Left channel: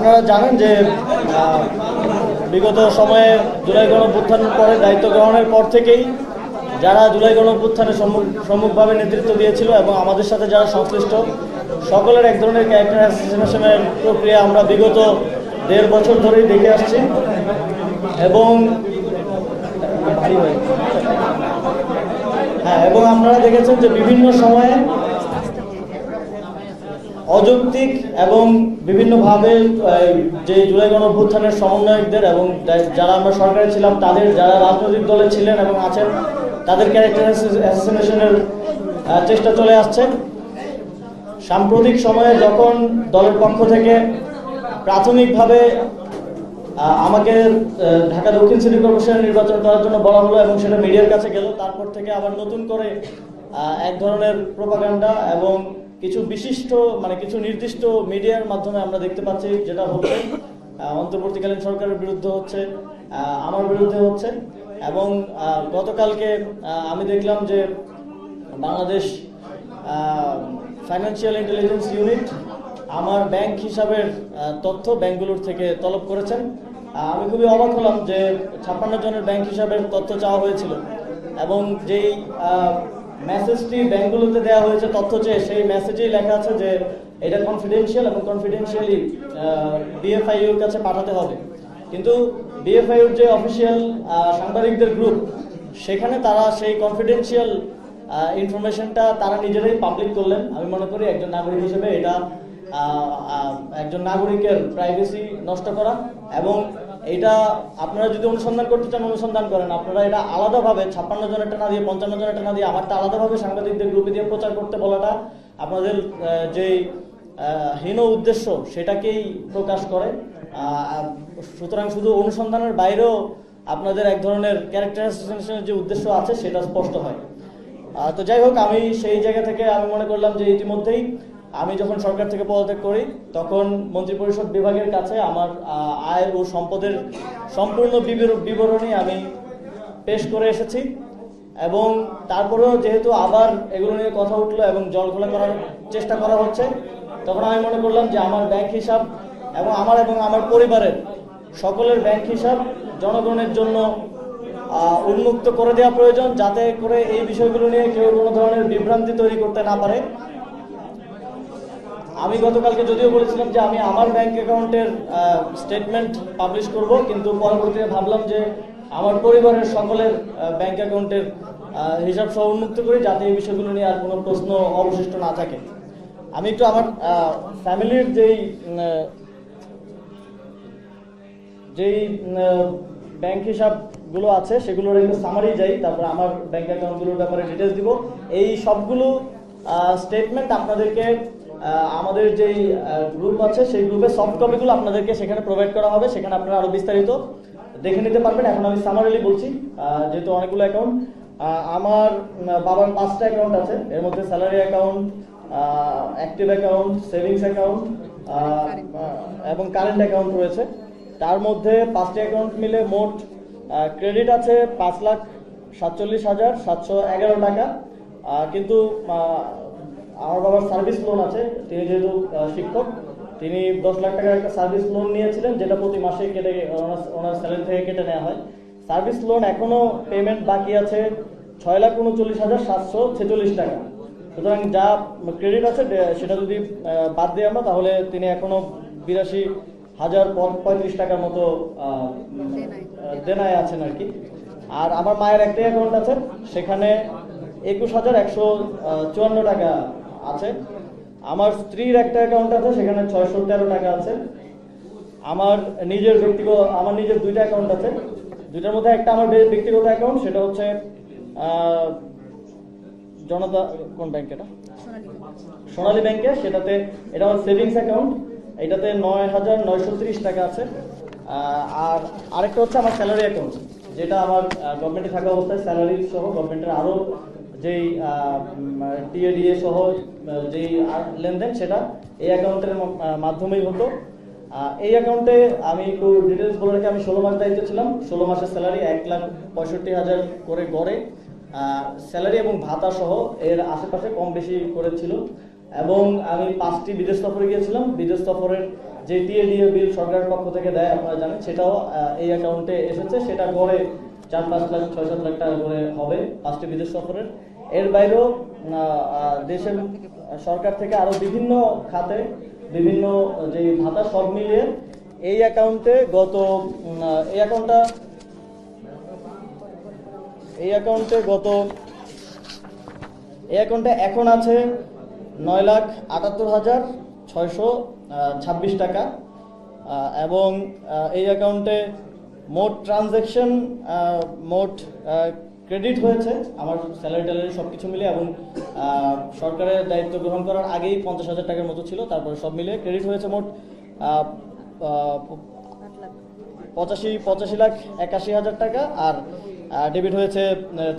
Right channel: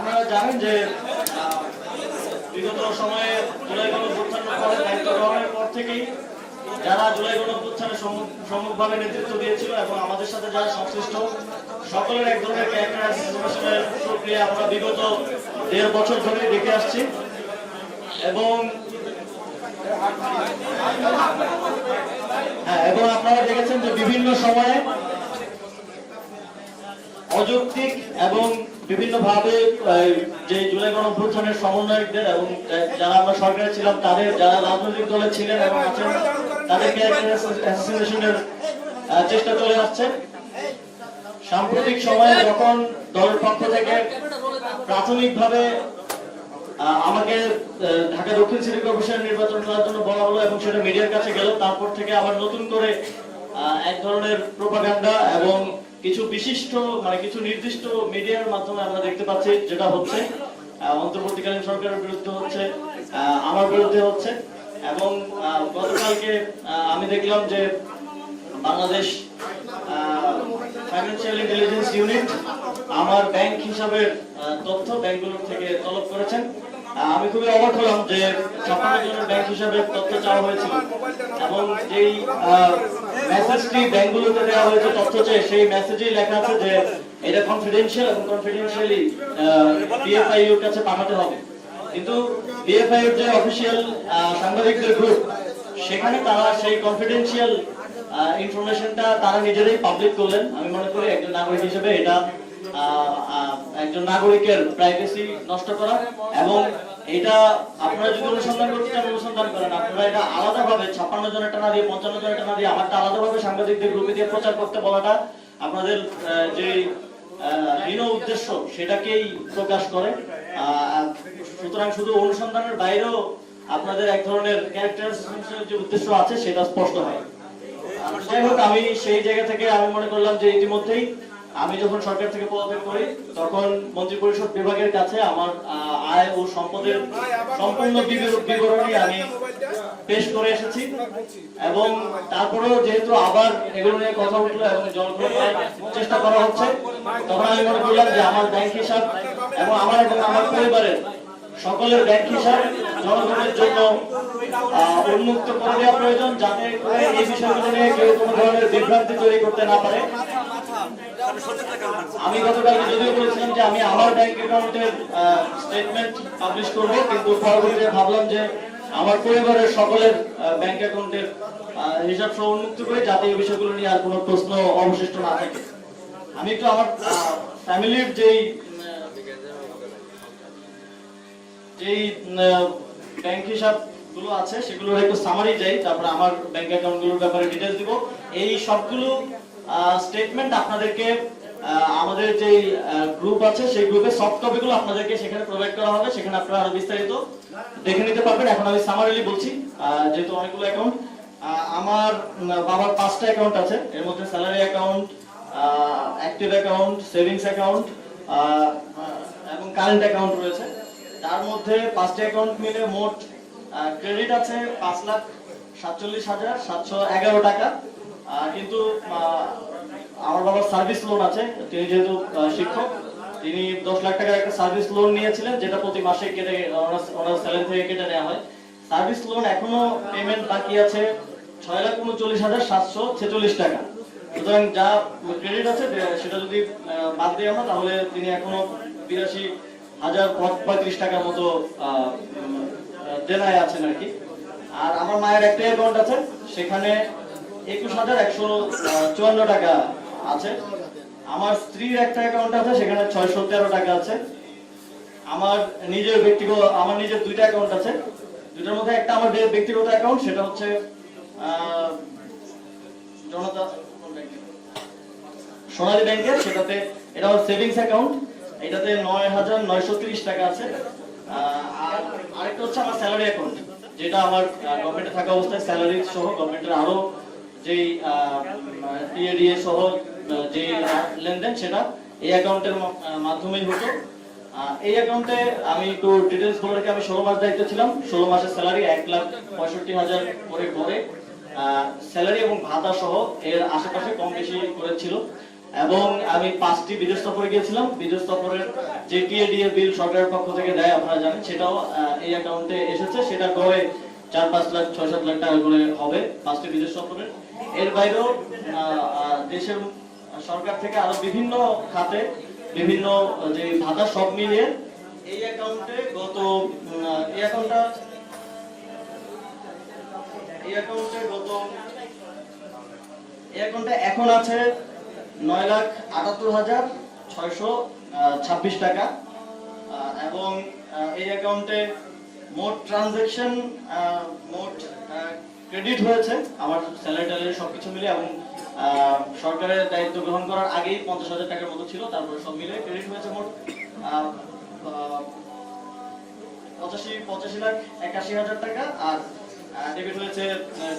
আপনারা জানেন যে বিগত সময়ে জুলাই গণঅভ্যুত্থানের পরে দায়িত্ব গ্রহণের পর থেকেই যারা জুলাই গণঅভ্যুত্থানে সম্মুখভাবে নেতৃত্ব দিয়েছিল এবং আমাদের সাথে যারা সংশ্লিষ্ট সকলের এক ধরনের ক্যারেক্টার অ্যাসাসিনেশনের প্রক্রিয়া আমরা বিগত 1.5 বছর ধরেই দেখে আসছি এবং এবং আপনারা দেখেছেন যে বিভিন্ন সময়ে অযৌক্তিক এবং বিভিন্নভাবে যে জুলাই গণঅভ্যুত্থানের সমন্বয়কদের এবং যারা আমরা সরকারে ছিলাম তাদের যারা রাজনৈতিক দলে ছিলেন এবং আছেন তাদের ক্যারেক্টার অ্যাসাসিনেশনের চেষ্টা চলে আসছে। সাম্প্রতিক সময়ে যখন দলের পক্ষ থেকে প্রাথমিকভাবে আমাকে ঢাকা দক্ষিণ সিটি কর্পোরেশনের নির্বাচন করার জন্য বলা হলো এবং সেটা মিডিয়ার কাছে গেল, তারপর থেকে আবার নতুন করে এক ধরনের প্রোপাগান্ডা এবং কিছু বিশিষ্ট কিছু নির্দিষ্ট মিডিয়ার মাধ্যমে আমরা দেখতে পাচ্ছি যেটা হচ্ছে অন্তর্বর্তীকালীন সরকারের বিরুদ্ধে হচ্ছে, আমার বিরুদ্ধে হচ্ছে। এবং গতকালকে আমি দেখলাম যে বাংলাদেশ ফাইন্যান্সিয়াল ইন্টেলিজেন্স ইউনিট আমার ব্যাংক হিসাবের তথ্য ব্যাংকগুলোর থেকে তলব করেছেন। আমি খুবই অবাক হলাম যে 56 জনের ব্যাংক হিসাবের তথ্য চাওয়া হয়েছিল এবং যেই মেসেজটি ব্যাংকগুলোতে দেওয়া হয়েছে তথ্য চেয়ে সেই মেসেজেই লেখা আছে যে এটা কনফিডেন্সিয়াল এবং কনফিডেন্সিয়ালি বিএফআই এর কাছে পাঠাতে হবে। কিন্তু বিএফআই এর যে অফিশিয়াল সাংবাদিকদের গ্রুপ সেখানে তারা সেই কনফিডেন্সিয়াল ইনফরমেশনটা তারা নিজেরাই পাবলিক করলেন। আমি মনে করি একজন নাগরিক হিসেবে এটা একজন নাগরিকের প্রাইভেসি নষ্ট করা এবং এটা আপনারা যদি অনুসন্ধান করতে চান অনুসন্ধান করেন। আপনারা এটা আলাদাভাবে 56 জনেরটা না দিয়ে 55 জনেরটা না দিয়ে আমারটা আলাদাভাবে সাংবাদিকদের গ্রুপে দিয়ে প্রচার করতে বলাটা আপনাদের যে হীন উদ্দেশ্য সেটাকেই প্রকাশ করে। সুতরাং শুধু অনুসন্ধানের বাইরেও আপনাদের এক ধরনের ক্যারেক্টার অ্যাসাসিনেশনের যে উদ্দেশ্য আছে সেটা স্পষ্ট হয়। তো যাই হোক, আমি সেই জায়গা থেকে আমি মনে করলাম যে ইতিমধ্যেই আমি যখন সরকার থেকে পদত্যাগ করি তখন মন্ত্রিপরিষদ বিভাগের কাছে আমার আয় ও সম্পদের সম্পূর্ণ বিবরণী আমি পেশ করে এসেছি এবং তারপরেও যেহেতু আবার এগুলো নিয়ে কথা উঠলো এবং জলঘোলা করার চেষ্টা করা হচ্ছে, তখন আমি মনে করলাম যে আমার ব্যাংক হিসাব এবং আমার পরিবারের সকলের ব্যাংক হিসাব জনগণের জন্য উন্মুক্ত করে দেওয়া প্রয়োজন, যাতে করে এই বিষয়গুলো নিয়ে কেউ কোনো ধরনের বিভ্রান্তি তৈরি করতে না পারে। আমি গতকালকে যদিও বলেছিলাম যে আমি আমার ব্যাংক অ্যাকাউন্টের স্টেটমেন্ট পাবলিশ করব, কিন্তু পরবর্তীতে ভাবলাম যে আমার পরিবারের সকলের ব্যাংক অ্যাকাউন্টের হিসাব সহ উন্মুক্ত করি, যাতে এই বিষয়গুলো নিয়ে আর কোনো প্রশ্ন অবশিষ্ট না থাকে। আমি একটু আমার ফ্যামিলির যেই ব্যাংক হিসাব গুলো আছে সেগুলোর একটু সামারি দেই, তারপর আমার ব্যাংক অ্যাকাউন্টগুলোর ব্যাপারে ডিটেইলস দিব। এই সবগুলো স্টেটমেন্ট আপনাদেরকে আমাদের যে গ্রুপ আছে সেই গ্রুপের সফট কপিগুলো আপনাদেরকে সেখানে প্রোভাইড করা হবে, সেখানে আপনারা আরো বিস্তারিত দেখে নিতে পারবেন। এখন আমি সামারিলি বলছি, যেহেতু অনেকগুলো অ্যাকাউন্ট। আমার বাবার 5টা অ্যাকাউন্ট আছে, এর মধ্যে salary account, active account, savings account এবং কারেন্ট অ্যাকাউন্ট রয়েছে। তার মধ্যে 5টা অ্যাকাউন্ট মিলে মোট ক্রেডিট আছে 5,47,711 টাকা। কিন্তু আমার বাবার সার্ভিস লোন আছে, তিনি যেহেতু শিক্ষক, তিনি 10 লাখ টাকার একটা সার্ভিস লোন নিয়েছিলেন, যেটা প্রতি মাসে কেটে ওনার স্যালারি থেকে কেটে নেওয়া হয়। সার্ভিস লোন এখনো পেমেন্ট বাকি আছে 6,39,746 টাকা। সুতরাং যা ক্রেডিট আছে সেটা যদি বাদ দিই আমরা, তাহলে তিনি এখনো 82,035 টাকার মতো দেনায় আছেন আর কি। আর আমার মায়ের একটা অ্যাকাউন্ট আছে, সেখানে 21,154 টাকা আছে। আমার স্ত্রীর একটা অ্যাকাউন্ট আছে, সেখানে 613 টাকা আছে। আমার নিজের 2টা অ্যাকাউন্ট আছে, দুইটার মধ্যে একটা আমার ব্যক্তিগত অ্যাকাউন্ট, সেটা হচ্ছে জনতা কোন ব্যাংকের, সোনালী ব্যাংকের, সেটাতে এটা আমার সেভিংস অ্যাকাউন্ট, এটাতে 9,930 টাকা আছে। আর আরেকটা হচ্ছে আমার স্যালারি অ্যাকাউন্ট, যেটা আমার গভর্নমেন্টে থাকা অবস্থায় স্যালারি সহ গভর্নমেন্টের আরো যেই পিএডিএ সহ যে লেনদেন সেটা এই অ্যাকাউন্টের মাধ্যমেই হতো। এই অ্যাকাউন্টে আমি একটু ডিটেইলস বলে রাখি, আমি 16 মাস দায়িত্ব ছিলাম। 16 মাসের স্যালারি 1,65,000 করে গড়ে স্যালারি এবং ভাতা সহ এর আশেপাশে কম বেশি করেছিল। এবং আমি 5টি বিদেশ সফরে গিয়েছিলাম। বিদেশ সফরের যে পিএডিএ বিল সরকারের পক্ষ থেকে দেয় আপনারা জানেন, সেটাও এই অ্যাকাউন্টে এসেছে। সেটা গড়ে 4-5 লাখ 6-7 লাখ টাকা করে হবে 5টি বিদেশ সফরের। এর বাইরেও দেশের সরকার থেকে আরো বিভিন্ন খাতে বিভিন্ন যে ভাতা সব মিলিয়ে এই অ্যাকাউন্টে এখন আছে 9,78,626 টাকা। এবং এই অ্যাকাউন্টে মোট ট্রানজাকশন মোট ক্রেডিট হয়েছে আমার স্যালারি ট্যালারি সবকিছু মিলে, এবং সরকারের দায়িত্ব গ্রহণ করার আগেই 50,000 টাকার মতো ছিল। তারপর সব মিলে ক্রেডিট হয়েছে মোট 85,81,000 টাকা, আর ডেবিট হয়েছে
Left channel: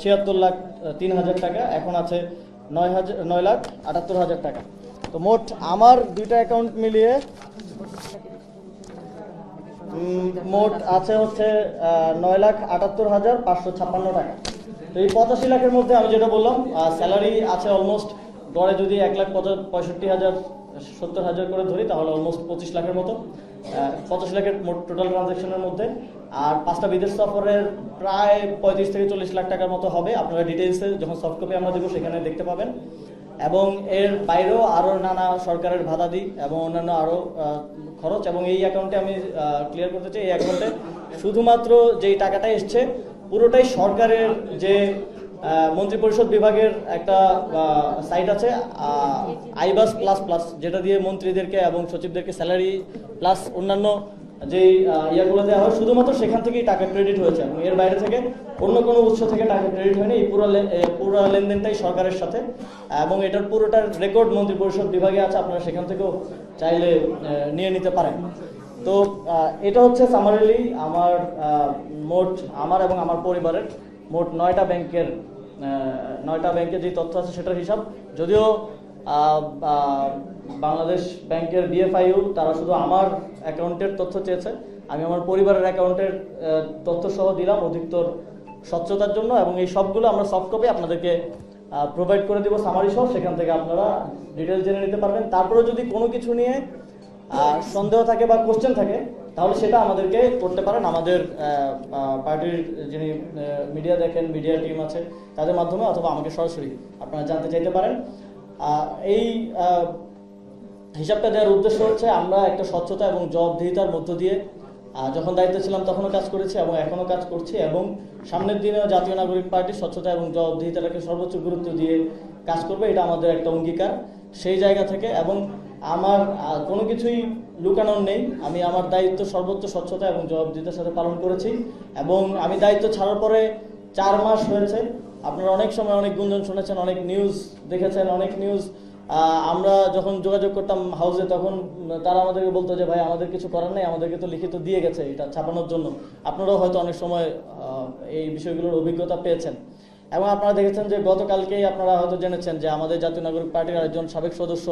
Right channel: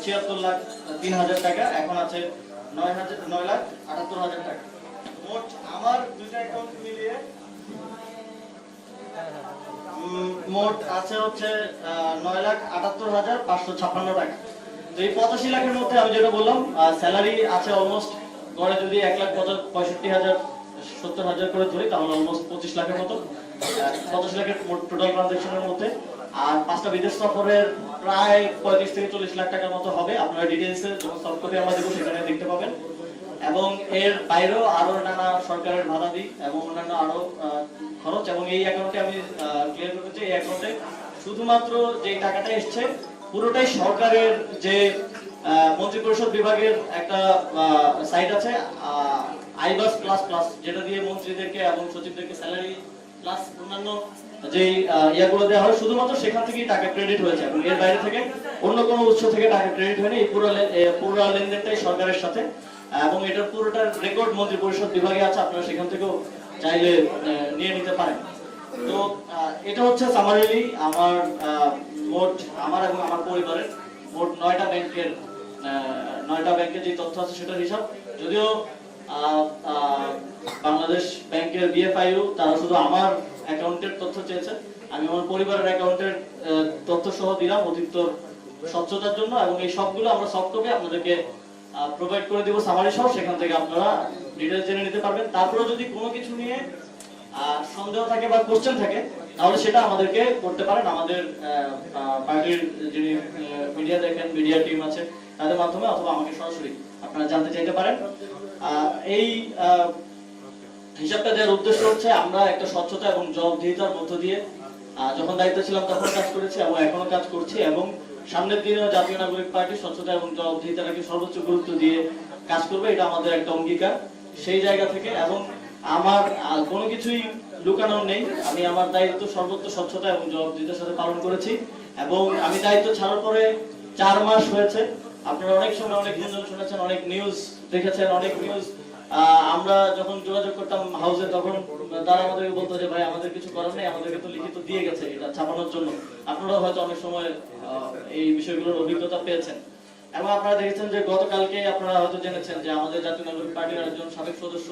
76,03,000 টাকা। এখন আছে 9,78,000 টাকা। তো মোট আমার দুইটা অ্যাকাউন্ট মিলিয়ে মোট আছে হচ্ছে 9,78,556 টাকা। তো এই 85 লাখের মধ্যে আমি যেটা বললাম, স্যালারি আছে অলমোস্ট গড়ে যদি 1,65,000-70,000 করে ধরি তাহলে অলমোস্ট 25 লাখের মতো, 25 লাখের মোট টোটাল ট্রানজাকশনের মধ্যে। আর 5টা বিদেশ সফরের প্রায় 35-40 লাখ টাকার মতো হবে। আপনারা ডিটেইলসে যখন সফট কপি আমরা দেবো সেখানে দেখতে পাবেন। এবং এর বাইরেও আরো নানা সরকারের ভাতাদি এবং অন্যান্য আরো খরচ। এবং এই অ্যাকাউন্টে আমি ক্লিয়ার করতে চাই, এই অ্যাকাউন্টে শুধুমাত্র যে টাকাটা এসছে পুরোটাই সরকারের যে মন্ত্রিপরিষদ বিভাগের একটা সাইট আছে আইবাস প্লাস প্লাস, যেটা দিয়ে মন্ত্রীদেরকে এবং সচিবদেরকে স্যালারি প্লাস অন্যান্য যে ইয়াগুলো দেওয়া হয়, শুধুমাত্র সেখান থেকেই টাকা ক্রেডিট হয়েছে। এবং এর বাইরে থেকে অন্য কোনো উৎস থেকে টাকা ক্রেডিট হয়নি। এই পুরো লেনদেনটাই সরকারের সাথে, এবং এটার পুরোটার রেকর্ড মন্ত্রিপরিষদ বিভাগে আছে, আপনারা সেখান থেকেও চাইলে নিয়ে নিতে পারেন। তো এটা হচ্ছে সামারিলি আমার আমার এবং আমার পরিবারের মোট 9টা ব্যাংকের যে তথ্য আছে সেটার হিসাব। যদিও বাংলাদেশ ব্যাংকের বিএফআইইউ তারা শুধু আমার অ্যাকাউন্টের তথ্য চেয়েছে, আমি আমার পরিবারের অ্যাকাউন্টের তথ্য সহ দিলাম অধিকতর স্বচ্ছতার জন্য। এবং এই সবগুলো আমরা সফট কপি আপনাদেরকে প্রোভাইড করে দিব সামারি সহ, সেখান থেকে আপনারা ডিটেইলস জেনে নিতে পারবেন। তারপরে যদি কোনো কিছু নিয়ে সন্দেহ থাকে বা কোশ্চেন থাকে তাহলে সেটা আমাদেরকে করতে পারেন। আমাদের পার্টির যিনি মিডিয়া দেখেন, মিডিয়া টিম আছে, তাদের মাধ্যমে অথবা আমাকে সরাসরি আপনারা জানতে চাইতে পারেন। এই হিসাবটা দেওয়ার উদ্দেশ্য হচ্ছে আমরা একটা স্বচ্ছতা এবং জবাবদিহিতার মধ্য দিয়ে যখন দায়িত্ব ছিলাম তখন কাজ করেছি এবং এখনো কাজ করছি, এবং সামনের দিনেও জাতীয় নাগরিক পার্টি স্বচ্ছতা এবং জবাবদিহিতাকে সর্বোচ্চ গুরুত্ব দিয়ে কাজ করবে, এটা আমাদের একটা অঙ্গীকার। সেই জায়গা থেকে এবং আমার কোনো কিছুই লুকানোর নেই, আমি আমার দায়িত্ব সর্বোচ্চ স্বচ্ছতা এবং জবাবদিহিতার সাথে পালন করেছি। এবং আমি দায়িত্ব ছাড়ার পরে 4 মাস হয়েছে। আপনারা অনেক সময় অনেক গুঞ্জন শুনেছেন, অনেক নিউজ দেখেছেন, অনেক নিউজ আমরা যখন যোগাযোগ করতাম হাউসে তখন তারা আমাদেরকে বলতো যে ভাই আমাদের কিছু করার নেই, আমাদেরকে তো লিখিত দিয়ে গেছে এটা ছাপানোর জন্য। আপনারাও হয়তো অনেক সময় এই বিষয়গুলোর অভিজ্ঞতা পেয়েছেন। এবং আপনারা দেখেছেন যে গতকালকে আপনারা হয়তো জেনেছেন যে আমাদের জাতীয় নাগরিক পার্টির একজন সাবেক সদস্য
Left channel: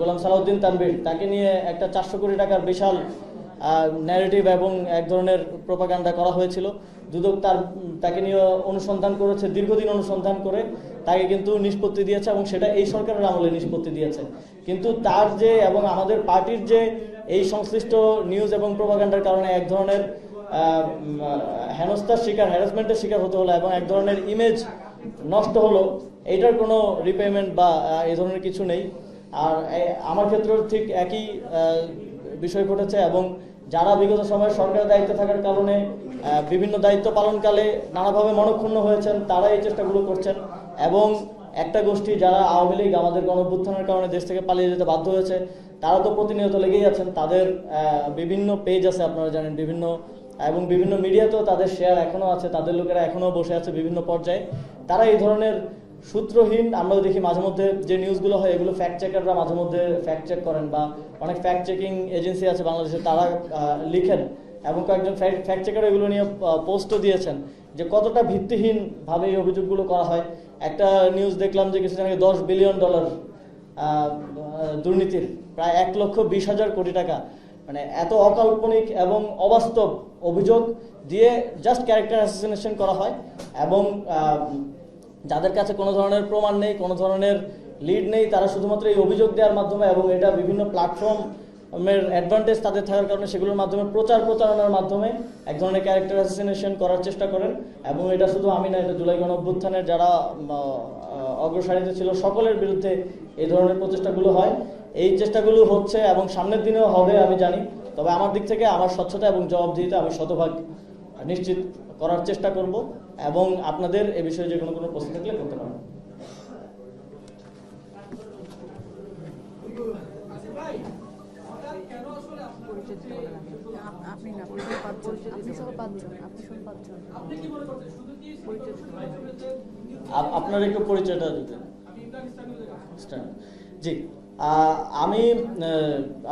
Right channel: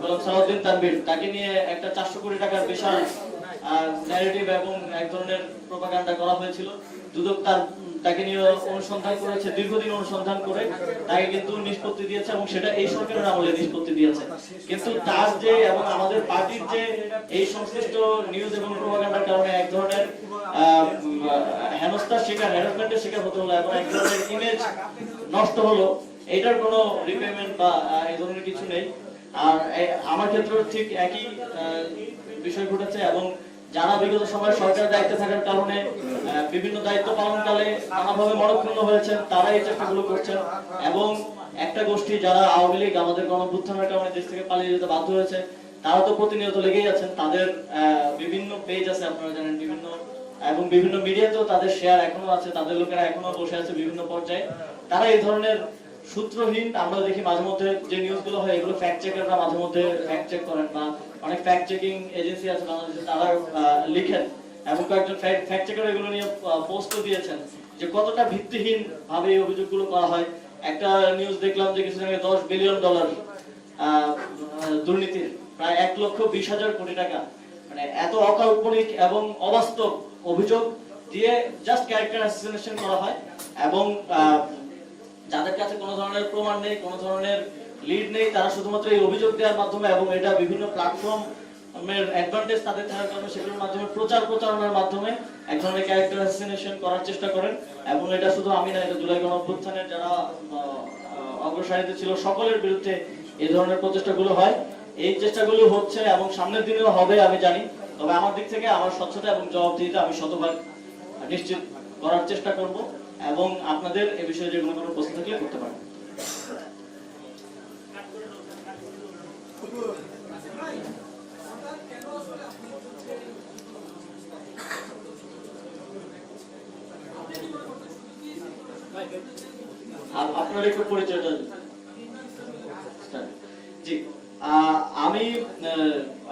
গোলাম সালাউদ্দিন তানভীর, তাকে নিয়ে একটা 400 কোটি টাকার বিশাল ন্যারেটিভ এবং এক ধরনের প্রোপাগান্ডা করা হয়েছিল। দুদক তাকে নিয়ে অনুসন্ধান করেছে, দীর্ঘদিন অনুসন্ধান করে তাকে কিন্তু নিষ্পত্তি দিয়েছে, এবং সেটা এই সরকারের আমলে নিষ্পত্তি দিয়েছে। কিন্তু তার যে এবং আমাদের পার্টির যে এই সংশ্লিষ্ট নিউজ এবং প্রোপাগান্ডার কারণে এক ধরনের হেনস্থার শিকার, হ্যারাসমেন্টের শিকার হতে হলো এবং এক ধরনের ইমেজ নষ্ট হলো, এইটার কোনো রিপেমেন্ট বা এই ধরনের কিছু নেই। আর আমার ক্ষেত্রেও ঠিক একই বিষয় ঘটেছে। এবং যারা বিগত সময় সরকারের দায়িত্বে থাকার কারণে বিভিন্ন দায়িত্ব পালনকালে নানাভাবে মনক্ষুণ্ণ হয়েছেন, তারা এই চেষ্টাগুলো করছেন। এবং একটা গোষ্ঠী যারা আওয়ামী লীগ আমাদের গণঅভ্যুত্থানের কারণে দেশ থেকে পালিয়ে যেতে বাধ্য হয়েছে, তারা তো প্রতিনিয়ত লেগেই আছেন। তাদের বিভিন্ন পেজ আছে আপনারা জানেন, এবং বিভিন্ন মিডিয়াতেও তাদের শেয়ার এখনো আছে, তাদের লোকেরা এখনো বসে আছে বিভিন্ন পর্যায়ে। তারা এই ধরনের সূত্রহীন, আমরা দেখি মাঝে মধ্যে যে নিউজগুলো হয় এগুলো ফ্যাক্ট চেকাররা মাঝে মধ্যে ফ্যাক্ট চেক করেন, বা অনেক ফ্যাক্ট চেকিং এজেন্সি আছে বাংলাদেশে, তারা লিখেন এবং কয়েকজন ফ্যাক্ট চেকার এগুলো নিয়ে পোস্টও দিয়েছেন যে কতটা ভিত্তিহীন ভাবে এই অভিযোগগুলো করা হয়। একটা নিউজ দেখলাম যে কিছুদিন আগে $10 বিলিয়ন দুর্নীতির, প্রায় 1,20,000 কোটি টাকা, মানে এত অকাল্পনিক এবং অবাস্তব অভিযোগ দিয়ে জাস্ট ক্যারেক্টার অ্যাসাসিনেশন করা হয়। এবং যাদের কাছে কোনো ধরনের প্রমাণ নেই, কোনো ধরনের লিড নেই, তারা শুধুমাত্র এই অভিযোগ দেওয়ার মাধ্যমে এবং এটা বিভিন্ন প্ল্যাটফর্ম অ্যাডভান্টেজ তাদের থাকার কারণে সেগুলোর মাধ্যমে প্রচারণার মাধ্যমে এক ধরনের ক্যারেক্টার অ্যাসাসিনেশন করার চেষ্টা করেন। এবং এটা শুধু আমি না, যে জুলাই গণঅভ্যুত্থানের যারা অগ্রসারিতে ছিল সকলের বিরুদ্ধে এই ধরনের প্রচেষ্টাগুলো হয়। এই চেষ্টাগুলো হচ্ছে এবং সামনের দিনেও হবে আমি জানি। তবে আমার দিক থেকে আমার স্বচ্ছতা এবং জবাবদিহিতা আমি শতভাগ নিশ্চিত করার চেষ্টা করব, এবং আপনাদের এই বিষয়ে যে কোনো প্রশ্ন থাকলে করতে পারেন। আপনার একটু পরিচয়টা জি। আমি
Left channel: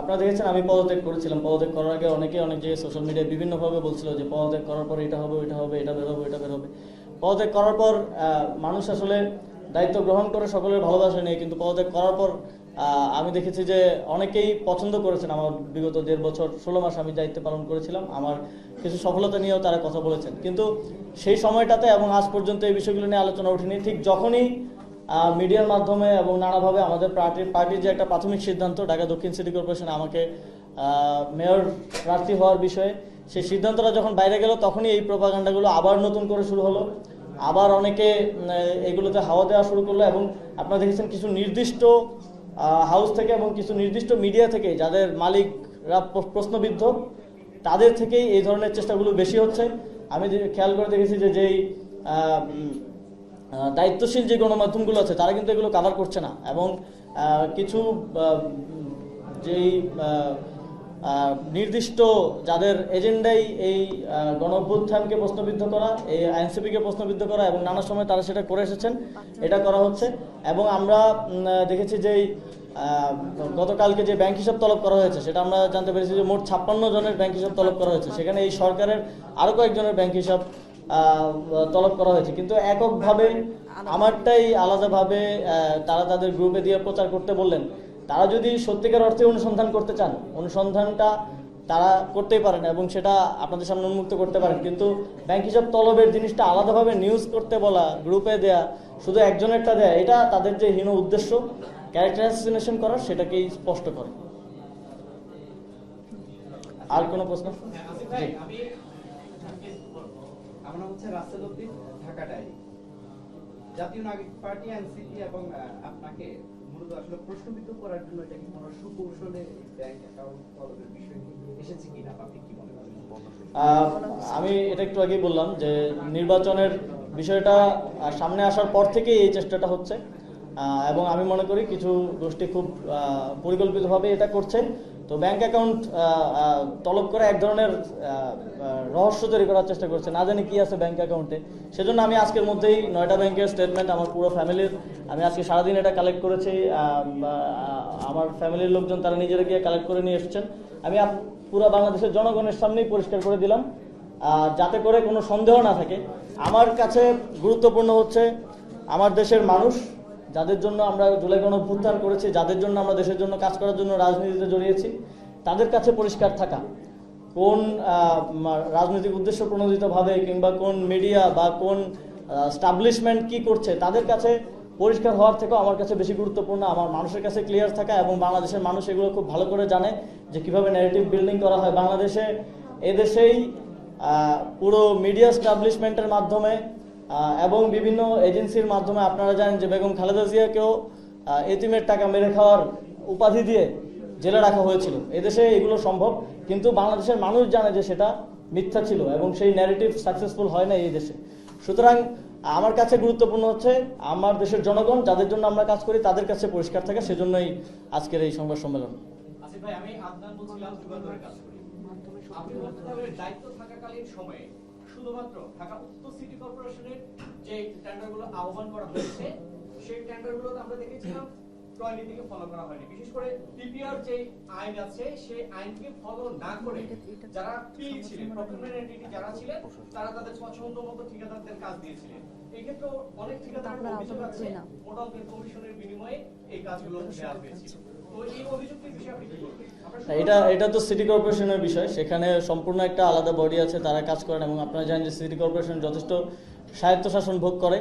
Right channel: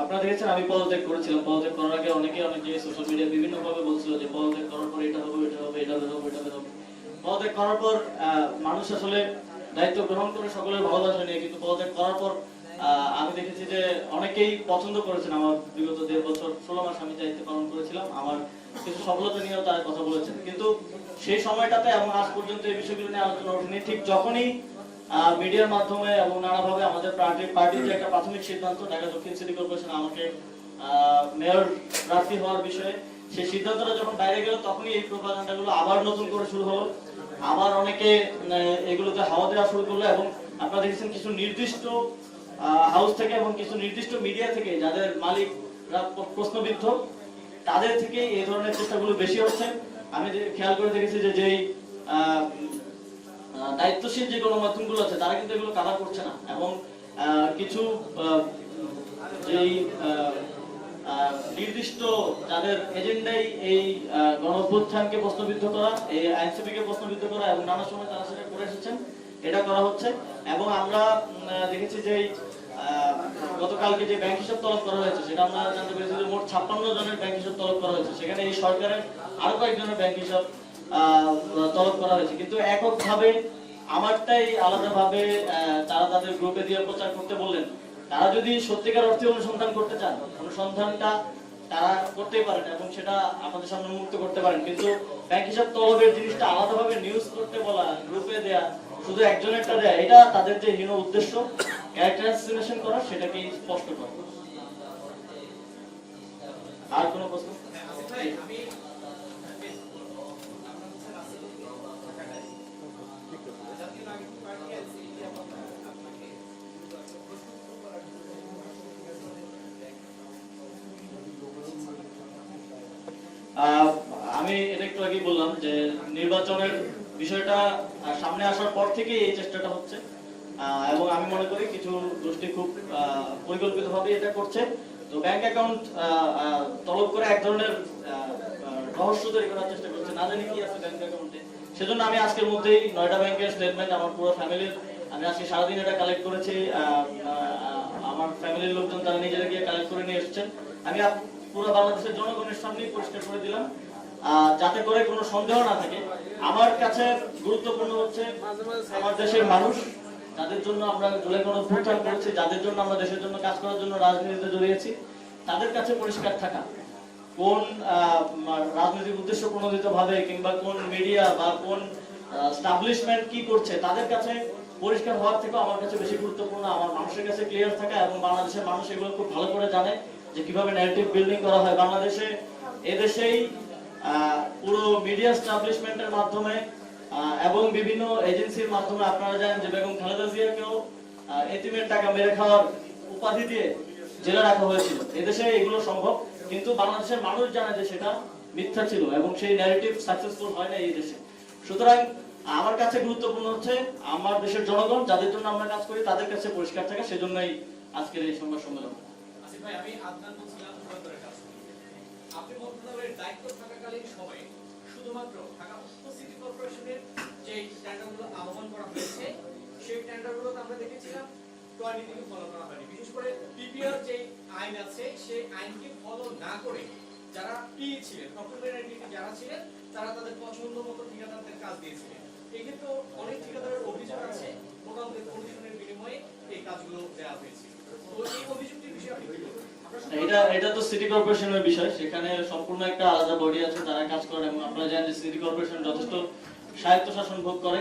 আপনারা দেখেছেন আমি পদত্যাগ করেছিলাম। পদত্যাগ করার আগে অনেকে সোশ্যাল মিডিয়ায় বিভিন্ন ভাবে বলছিল যে পদত্যাগ করার পর এটা হবে, এটা হবে, এটা বের হবে, এটা বের হবে। পদত্যাগ করার পর মানুষ আসলে দায়িত্ব গ্রহণ করে সকলের ভালোবাসা নেই, কিন্তু পদত্যাগ করার পর আমি দেখেছি যে অনেকেই পছন্দ করেছেন। আমার বিগত 1.5 বছর 16 মাস আমি দায়িত্ব পালন করেছিলাম, আমার কিছু সফলতা নিয়েও তারা কথা বলেছেন, কিন্তু সেই সময়টাতে এবং আজ পর্যন্ত এই বিষয়গুলো নিয়ে আলোচনা ওঠেনি। ঠিক যখনই মিডিয়ার মাধ্যমে এবং নানাভাবে আমাদের পার্টির যে একটা প্রাথমিক সিদ্ধান্ত, ঢাকা দক্ষিণ সিটি কর্পোরেশন আমাকে মেয়র প্রার্থী হওয়ার বিষয়ে, সেই সিদ্ধান্তটা যখন বাইরে গেল, তখনই এই প্রোপাগান্ডাগুলো আবার নতুন করে শুরু হলো। আবার অনেকে এগুলোতে হাওয়া দেওয়া শুরু করলো, এবং আপনারা দেখছেন কিছু নির্দিষ্ট হাউস থেকে এবং কিছু নির্দিষ্ট মিডিয়া থেকে যাদের মালিকরা প্রশ্নবিদ্ধ, তাদের থেকেই এই ধরনের চেষ্টাগুলো বেশি হচ্ছে। আমি খেয়াল করে দেখেছি যে যেই দায়িত্বশীল যে গণমাধ্যমগুলো আছে তারা কিন্তু এগুলো কভার করছে না, এবং কিছু যেই নির্দিষ্ট যাদের এজেন্ডাই এই গণঅভ্যুত্থানকে প্রশ্নবিদ্ধ করা, এই আইনসিপিকে প্রশ্নবিদ্ধ করা, এবং নানা সময় তারা সেটা করে এসেছেন, এটা করা হচ্ছে। এবং আমরা দেখেছি যে গতকালকে যে ব্যাংক হিসাব তলব করা হয়েছে, সেটা আমরা জানতে পেরেছি যে মোট 56 জনের ব্যাংক হিসাব তলব করা হয়েছে। সেখানে এই সরকারের আরো কয়েকজনের ব্যাংক হিসাব তলব করা হয়েছে, কিন্তু এককভাবে আমারটাই আলাদাভাবে তারা তাদের গ্রুপে দিয়ে প্রচার করতে বললেন। তারা যদি সত্যিকার অর্থে অনুসন্ধান করতে চান, অনুসন্ধানটা তারা করতেই পারেন এবং সেটা আপনাদের সামনে উন্মুক্ত করতে পারেন, কিন্তু ব্যাংক হিসাব তলবের জিনিসটা আলাদাভাবে নিউজ করতে বলা, গ্রুপে দেয়া, শুধু একজনেরটা দেয়া, এটা তাদের যে হীন উদ্দেশ্য ক্যারেক্টার অ্যাসাসিনেশন করা, সেটাকেই স্পষ্ট করে। আর কোনো প্রশ্ন? জাতীয় নাগরিক পার্টি এনসিপি এবং আপনাকে মূলত আসলে প্রশ্নবিদ্ধ করার জন্য সুকৌশলে ব্যাংক আমি এটা একটু আগেই বললাম যে নির্বাচনের বিষয়টা সামনে আসার পর থেকে এই চেষ্টাটা হচ্ছে, এবং আমি মনে করি কিছু গোষ্ঠী খুব পরিকল্পিতভাবে এটা করছে। তো ব্যাংক অ্যাকাউন্ট তলব করে এক ধরনের রহস্য তৈরি করার চেষ্টা করছে, না জানি কি আছে ব্যাংক অ্যাকাউন্টে। সেজন্য আমি আজকের মধ্যেই 9টা ব্যাংকের স্টেটমেন্ট আমার পুরো ফ্যামিলির, আমি আজকে সারাদিন এটা কালেক্ট করেছি। আমার ফ্যামিলির লোকজন তারা নিজেরা গিয়ে কালেক্ট করে নিয়ে এসেছেন। আমি পুরো বাংলাদেশের জনগণের সামনেই পরিষ্কার করে দিলাম, যাতে করে কোনো সন্দেহ না থাকে। আমার কাছে গুরুত্বপূর্ণ হচ্ছে আমার দেশের মানুষ, যাদের জন্য আমরা জুলাই গণঅভ্যুত্থান করেছি, যাদের জন্য আমরা দেশের জন্য কাজ করার জন্য রাজনীতিতে জড়িয়েছি, তাদের কাছে পরিষ্কার থাকা। কোন রাজনৈতিক উদ্দেশ্য প্রণোদিত ভাবে কিংবা কোন মিডিয়া বা কোন এস্টাবলিশমেন্ট কি করছে, তাদের কাছে পরিষ্কার হওয়ার থেকে আমার কাছে বেশি গুরুত্বপূর্ণ আমার মানুষের কাছে ক্লিয়ার থাকা। এবং বাংলাদেশের মানুষ এগুলো খুব ভালো করে জানে যে কিভাবে ন্যারেটিভ বিল্ডিং করা হয় বাংলাদেশে। এদেশেই পুরো মিডিয়া এস্টাবলিশমেন্টের মাধ্যমে এবং বিভিন্ন এজেন্সির মাধ্যমে আপনারা জানেন যে বেগম খালেদা জিয়াকেও এতিমের টাকা মেরে খাওয়ার উপাধি দিয়ে জেলে রাখা হয়েছিল। এদেশে এগুলো সম্ভব, কিন্তু বাংলাদেশের মানুষ জানে যে সেটা মিথ্যা ছিল এবং সেই ন্যারেটিভ সাকসেসফুল হয় না এই দেশে। সুতরাং আমার কাছে গুরুত্বপূর্ণ হচ্ছে আমার দেশের জনগণ, যাদের জন্য আমরা কাজ করি, তাদের কাছে পরিষ্কার থাকা। সেজন্যই আজকের এই সংবাদ সম্মেলন। আসিফ ভাই, আমি আদনান বলছিলাম চুয়াত্তরে কাজ করি। আপনি মন্ত্রণালয়ের দায়িত্ব থাকাকালীন সময়ে শুধুমাত্র ঢাকা উত্তর সিটি কর্পোরেশনের যে টেন্ডারগুলো আহ্বান করা হয়েছে, সেই টেন্ডারগুলোতে আমরা দেখেছিলাম ক্রয় নীতিকে ফলো করা হয়নি। বিশেষ করে পিপিআর যে আইন আছে, সেই আইনকে ফলো না করে যারা পি ছিলেন, প্রফেশনাল এন্টিটি যারা ছিলেন, তারা তাদের পছন্দ মতো ঠিকাদারদের কাজ দিয়েছিলেন। এক্ষেত্রে অনেক ঠিকাদারের অভিযোগ আছে টোটাল কমিশনের বিনিময়ে এই কাজগুলো দেওয়া হয়েছে। তো এই অভিযোগটির বিষয়ে আপনি কি বলবেন? এটা তো সিটি কর্পোরেশনের বিষয়, সেখানে সম্পূর্ণ একটা আলাদা বডি আছে, তারা কাজ করেন। এবং আপনারা জানেন যে সিটি কর্পোরেশন যথেষ্ট স্বায়ত্তশাসন ভোগ করে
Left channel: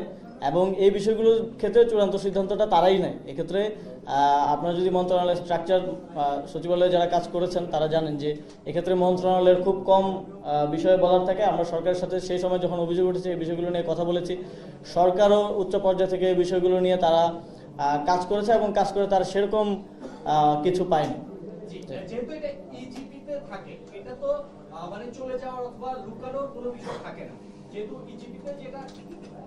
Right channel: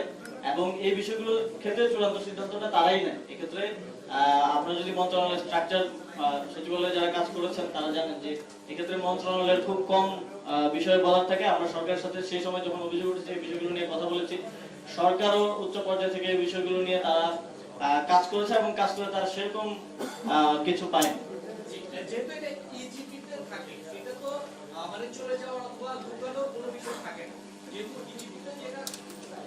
এবং এই বিষয়গুলোর ক্ষেত্রে চূড়ান্ত সিদ্ধান্তটা তারাই নেয়। এক্ষেত্রে আপনারা যদি মন্ত্রণালয়ের স্ট্রাকচার সচিবালয়ে যারা কাজ করেছেন তারা জানেন যে এক্ষেত্রে মন্ত্রণালয়ের খুব কম বিষয়ে বলার থাকে। আমরা সরকারের সাথে সেই সময় যখন অভিযোগ উঠেছে এই বিষয়গুলো নিয়ে কথা বলেছি, সরকারও উচ্চ পর্যায়ে থেকে এই বিষয়গুলো নিয়ে তারা কাজ করেছে এবং কাজ করে তারা সেরকম কিছু পায়নি। যেহেতু এটা ইজিপিতে থাকে, এটা তো মানে চলে যাওয়ার অথবা লুকানোর কোনো বিষয় থাকে না। যেহেতু ইজিপিতে যেটা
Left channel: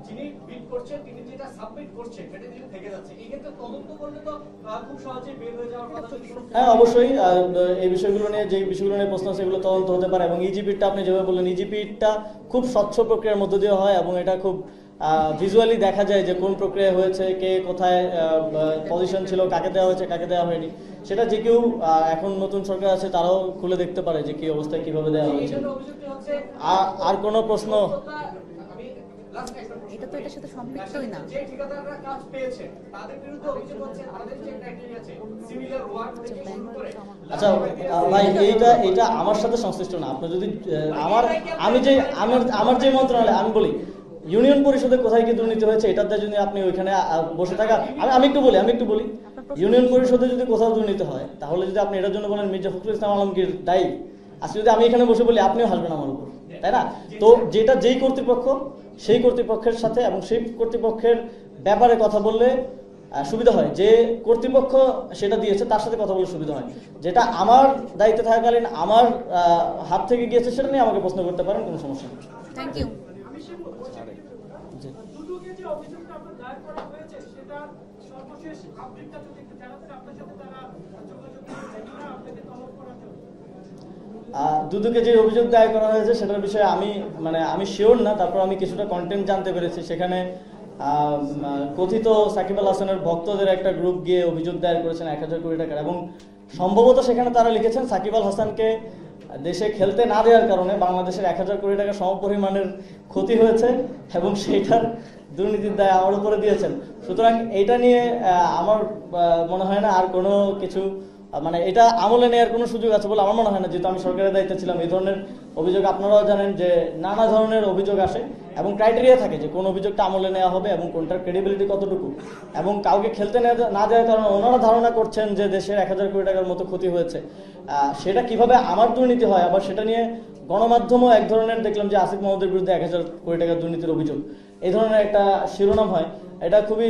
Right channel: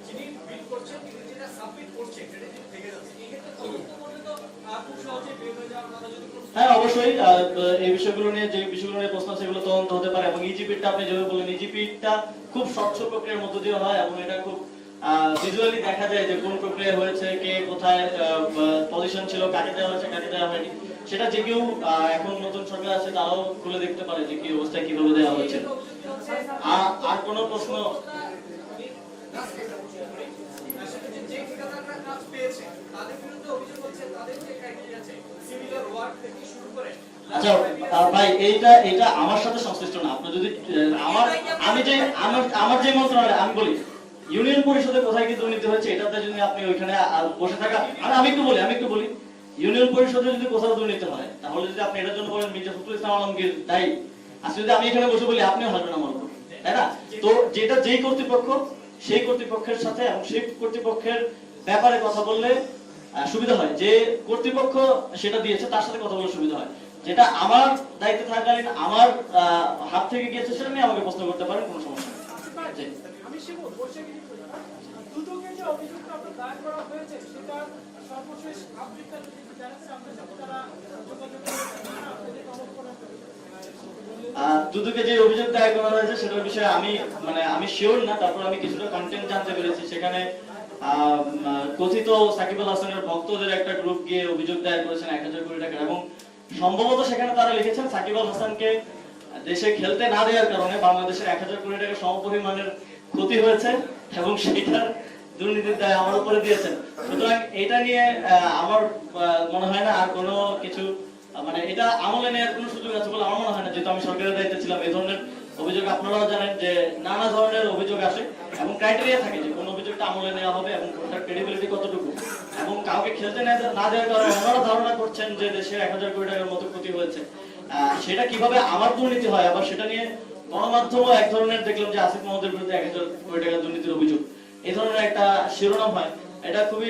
যিনি বিল করছেন তিনি যেটা সাবমিট করছেন সেটা যদি থেকে যাচ্ছে, এই ক্ষেত্রে তদন্ত করলে তো খুব সহজে বের হয়ে যাওয়ার কথা। যদি হ্যাঁ, অবশ্যই এই বিষয়গুলো নিয়ে যে বিষয়গুলো নিয়ে প্রশ্ন সেগুলো তদন্ত হতে পারে এবং ইজিপিটা আপনি যেভাবে বললেন, ইজিপিটা খুব স্বচ্ছ প্রক্রিয়ার মধ্য দিয়ে হয় এবং এটা খুব ভিজুয়ালি দেখা যায় যে কোন প্রক্রিয়া হয়েছে, কে কোথায় পজিশন ছিল, কাকে দেওয়া হয়েছে, কাকে দেওয়া হয়নি। সেটা যে কেউ এখন নতুন সরকার আছে তারাও খুলে দেখতে পারে যে কি অবস্থায় কিভাবে দেওয়া হয়েছে। আর কোনো প্রশ্ন? যে ঠিকাদাররা কাজ পেয়েছে তাদের বিরুদ্ধে অভিযোগ হচ্ছে, তাদের যে ক্রাইটেরিয়া আছে সিমিলার ওয়ার্ক থেকে শুরু করে। আচ্ছা ভাই, এটা আমার সাথে সংশ্লিষ্ট না। আপনি যদি আমার যে মন্ত্রণালয়, আমি বলি ইউনিয়ন পরিষদে কোথায় কি দুর্নীতি হয়েছে এটাতে যদি আপনি ওইখানে বসে থাকা, আমি একটু বলি ইউনিয়ন পরিষদে যদি কোথাও দুর্নীতি হয় তাহলে যদি আপনি এটার জন্য বলেন মির্জা ফখরুল ইসলাম আলমগীর দায়ী, আজকে যদি আমি এখানে বসে বলি আপনিও হাসবেন আমার উপর, তাই না? তো যেটা যেই কর্তৃপক্ষ সেই কর্তৃপক্ষের সাথে এবং সেই কর্তৃপক্ষের ব্যাপারে কথা বললে সুবিধা হয়। যে কর্তৃপক্ষ সেটা দিয়েছে তার সাথে কথা বললে সুবিধা হয়। যেটা আমার দায়িত্বে থাকাকালীন আমার হাত থেকে গিয়েছে সেটা নিয়ে আমাকে প্রশ্ন করতে পারেন, কোনো সমস্যা নেই। Thank you. আমি শিবু বসে কিছু দুদকে যে অভিযোগটা আপনার দায়ের করা হয়েছে সেটা সর্বশেষ আফ্রিকান কিছু চ্যানেল আপনার সাথে তারা যোগাযোগ করে আপনাদের তলব করা দুদকে যে অভিযোগ দায়ের করা হয়েছে সেটার বিষয়ে আমি শিওর না, তারপর আমি কিছুটা কন্টেন্ট জানতে পেরেছি। সেখানে কথিত সাকিব আল হাসানের ভক্তদের একটা গ্রুপ গিয়ে অভিযোগ দায়ের করেছেন 1000 কোটি টাকার, এবং সম্ভবত সেখানে তারা লিখেছেন সাকিব আল হাসানকে দেশে খেলতে না দেওয়ার কারণে বাংলাদেশের 1000 কোটি টাকা সমপরিমাণের ক্ষতি হয়েছে এবং সেইটার দুর্নীতির দায় আমার উপরে দিয়েছেন। সুতরাং এটা নিয়ে আমার মনে হয় না আর কোনো কিছু এটা আমলে নেওয়ার কোনো সুযোগ আছে বলে আমার মনে হয় না। যেহেতু আমি সরকারের দায়িত্বে ছিলাম, এই ধরনের অভিযোগ আপনারাও জানেন যে নানা ধরনের অভিযোগ আসে এবং ক্রাইটেরিয়া থাকে যে কোন অভিযোগটা আমলে নেওয়া হবে এবং কোনটার ক্রেডিবিলিটি কতটুকু, এবং কাউকে খেলতে না দেওয়ার কারণে ওনারা ধারণা করছেন যে দেশের 1000 কোটি টাকার মতো ক্ষতি হয়েছে। সেটা কিভাবে আমার দুর্নীতি হয়, আবার সেটা নিয়ে গণমাধ্যমও এক ধরনের দেখলাম যে আসিফ মাহমুদের বিরুদ্ধে 1000 কোটি টাকার দুর্নীতির অভিযোগ, এই ধরনের একটা শিরোনাম হয়। এটা খুবই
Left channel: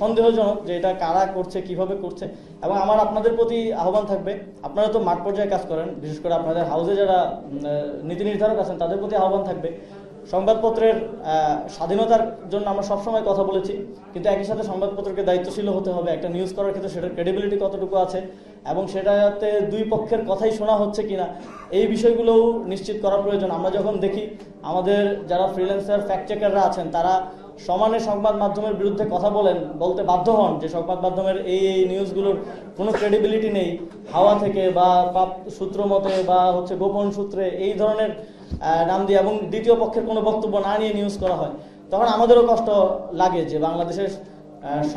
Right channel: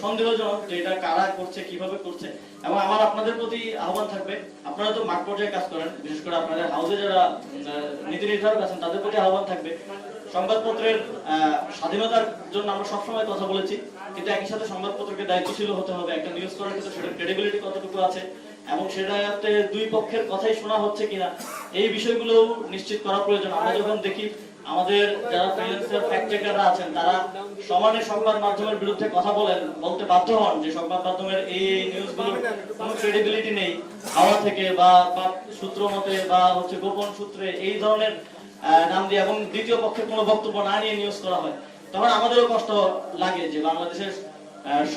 সন্দেহজনক যে এটা কারা করছে, কিভাবে করছে। এবং আমার আপনাদের প্রতি আহ্বান থাকবে, আপনারা তো মাঠ পর্যায়ে কাজ করেন, বিশেষ করে আপনাদের হাউসে যারা নীতি নির্ধারক আছেন তাদের প্রতি আহ্বান থাকবে, সংবাদপত্রের স্বাধীনতার জন্য আমরা সবসময় কথা বলেছি, কিন্তু একই সাথে সংবাদপত্রকে দায়িত্বশীল হতে হবে। একটা নিউজ করার ক্ষেত্রে সেটা ক্রেডিবিলিটি কতটুকু আছে এবং সেটাতে দুই পক্ষের কথাই শোনা হচ্ছে কিনা, এই বিষয়গুলো নিশ্চিত করা প্রয়োজন। আমরা যখন দেখি আমাদের যারা ফ্রিল্যান্সার ফ্যাক্ট চেকাররা আছেন তারা সমানে সংবাদ মাধ্যমের বিরুদ্ধে কথা বলতে বাধ্য হন যে সংবাদ মাধ্যমের এই নিউজগুলোর কোনো ক্রেডিবিলিটি নেই, হাওয়া থেকে বা সূত্র মতে বা গোপন সূত্রে এই ধরনের নাম দিয়ে এবং দ্বিতীয় পক্ষের কোনো বক্তব্য না নিয়ে নিউজ করা হয়, তখন আমাদেরও কষ্ট লাগে যে বাংলাদেশের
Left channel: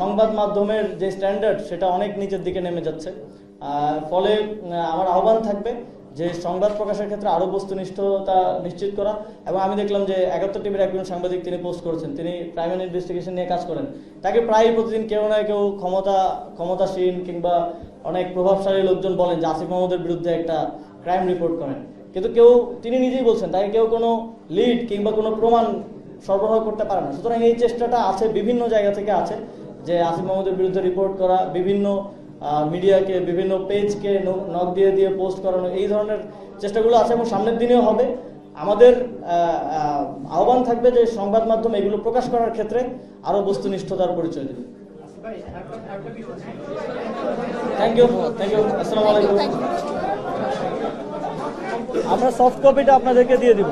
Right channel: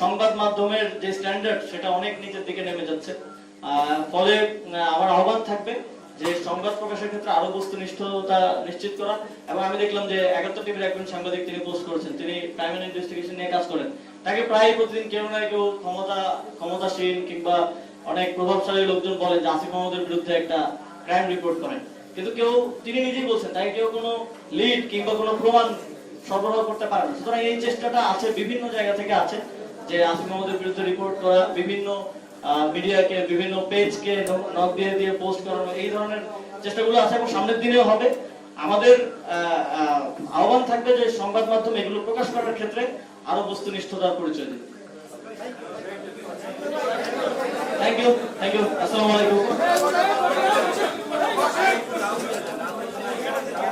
সংবাদ মাধ্যমের যে স্ট্যান্ডার্ড সেটা অনেক নিচের দিকে নেমে যাচ্ছে। ফলে আমার আহ্বান থাকবে যে সংবাদ প্রকাশের ক্ষেত্রে আরো বস্তুনিষ্ঠতা নিশ্চিত করা। এবং আমি দেখলাম যে 71 টিভির একজন সাংবাদিক তিনি পোস্ট করেছেন, তিনি প্রাইমারি ইনভেস্টিগেশন নিয়ে কাজ করেন, তাকে প্রায় প্রতিদিন কেউ না কেউ ক্ষমতাসীন কিংবা অনেক প্রভাবশালী লোকজন বলে যে আসিফ মাহমুদের বিরুদ্ধে একটা ক্রাইম রিপোর্ট করেন, কিন্তু তিনি নিজেই বলছেন তাকে কেউ কোনো লিড কিংবা কোনো প্রমাণ সরবরাহ করতে পারে না। সুতরাং এই চেষ্টাটা আছে, বিভিন্ন জায়গা থেকে আছে যে আসিফ মাহমুদের বিরুদ্ধে রিপোর্ট করা, বিভিন্ন মিডিয়াকে বিভিন্ন পেজকে নক দিয়ে পোস্ট করানো, এই ধরনের চেষ্টাগুলো আছে এবং সামনের দিনেও হবে। আমাদের আহ্বান থাকবে যে সংবাদ মাধ্যম এগুলো প্রকাশ করার ক্ষেত্রে আরো বস্তুনিষ্ঠতার পরিচয় দেবে। Thank you. আসসালামু আলাইকুম। আমরা সফট কপিটা আপনাদেরকে দিয়ে দেব।